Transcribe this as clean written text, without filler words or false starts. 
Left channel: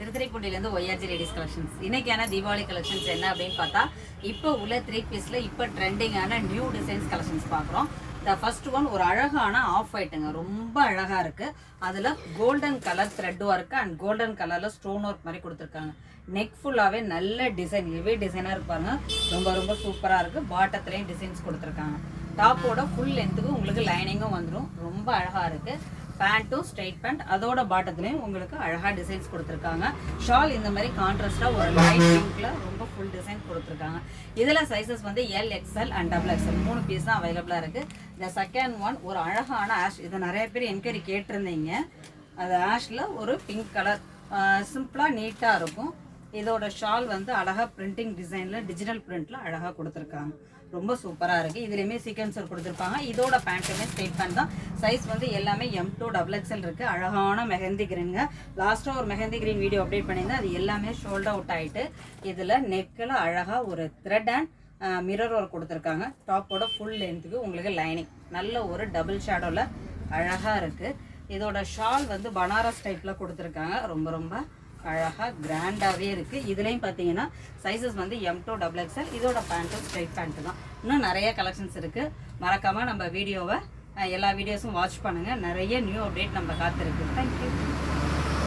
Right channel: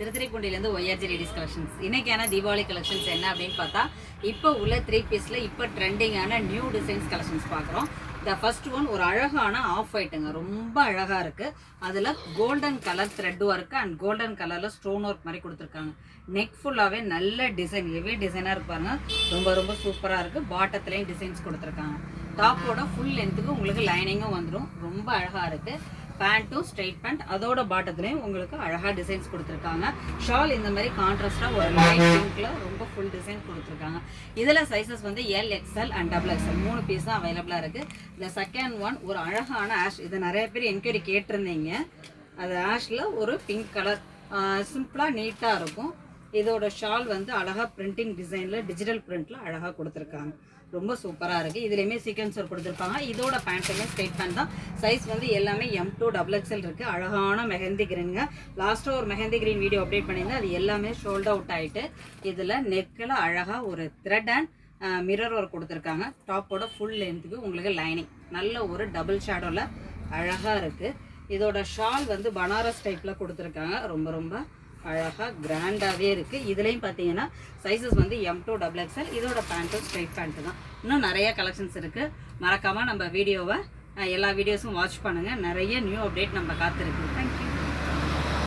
திருத்துறைப்பூண்டிலேருந்து ஒய்ஆர்ஜி ladies collections. இன்றைக்கான Deepavali collections என்ன அப்படின்னு பார்த்தா, இப்போ உள்ள 3 பீஸில் இப்போ ட்ரெண்டிங்கான நியூ டிசைன்ஸ் கலெக்ஷன்ஸ் பார்க்குறோம். த ஃபர்ஸ்ட் ஒன் ஒரு அழகான ஆஃப் ஒயிட்டுங்க, ரொம்ப அழகாக இருக்குது. அதில் golden colour thread work and golden கலரில் ஸ்டோன் ஒர்க் மாதிரி கொடுத்துருக்காங்க. நெக் ஃபுல்லாகவே நல்ல டிசைன், ஹெவி டிசைனாக இருப்பாங்க. ரொம்ப ரொம்ப சூப்பராக இருக்குது. பாட்டத்துலேயும் டிசைன்ஸ் கொடுத்துருக்காங்க. டாப்போட ஃபுல் லென்த்துக்கு உங்களுக்கு லைனிங்கும் வந்துடும். ரொம்ப அழகாக இருக்குது. பேண்ட்டும் ஸ்ட்ரெயிட் பேண்ட், அதோட பாட்டத்துலேயும் உங்களுக்கு அழகாக டிசைன்ஸ் கொடுத்துருக்காங்க. ஷால் இந்த மாதிரி கான்ட்ராஸ்டாக ஒரு லைட் பிங்க்ல ரொம்ப ஃபுல் டிசைன் கொடுத்துருக்காங்க. இதில் சைஸஸ் வந்து L, XL and double XL 3 piece தான் அவைலபிளாக இருக்குது. இந்த செகண்ட் ஒன் ஒரு அழகான ஆஷ், இதை நிறைய பேர் என்கொயரி கேட்டிருந்தீங்க. அது ஆஷில் ஒரு பிங்க் கலர், சிம்பிளாக நீட்டாக இருக்கும். இதோட ஷால் வந்து அழகாக பிரிண்டிங் டிசைனில் டிஜிட்டல் பிரிண்டில் அழகாக கொடுத்துருக்காங்க. ரொம்ப சூப்பராக இருக்குது. இதுலேயுமே சீக்வன்சர் கொடுத்துருப்பாங்க. இதோட பேண்ட்டுமே ஸ்ட்ரெயிட் பேண்ட் தான். சைஸ் வந்து எல்லாமே M2 டபுள் எக்ஸ்எல் இருக்குது. அழகான மெஹந்தி கிரீனுங்க. லாஸ்ட்டாக ஒரு மெஹந்தி கிரீன் வீடியோ அப்டேட் பண்ணியிருந்தேன். அது எல்லாமே ஷோல்ட் அவுட் ஆகிட்டு இதில் நெக்கில் அழகாக ஒரு த்ரெட் அண்ட் மிரர் ஒர்க் கொடுத்துருக்காங்க. டாப்போட ஃபுல் லென்த்துக்கு உங்களுக்கு லைனிங் நல்ல ஒரு டபுள் ஷேடோவில் அழகாக இருக்குது. இதோட ஷால் வந்து பனாரஸ் டைப்பில் கொடுத்துருக்காங்க. ரொம்ப ரொம்ப அழகாக கிராண்டாகவே இருக்குது. இதுலேயும் பார்த்தீங்கன்னா சைஸஸ் வந்து M2 டபுள் எக்ஸ்எல். இதோட பேண்ட்டும் ஸ்ட்ரைட் பேண்ட்டு தான். இன்னும் நிறைய கலெக்ஷன்ஸ் இருக்குது. மறக்காமல் நம்ம வீடியோவை எல்லா வீடியோஸும் வாட்ச் பண்ணுங்கள். நிறைய நியூ அப்டேட் நம்ம காத்திருக்கு. தேங்க்யூ.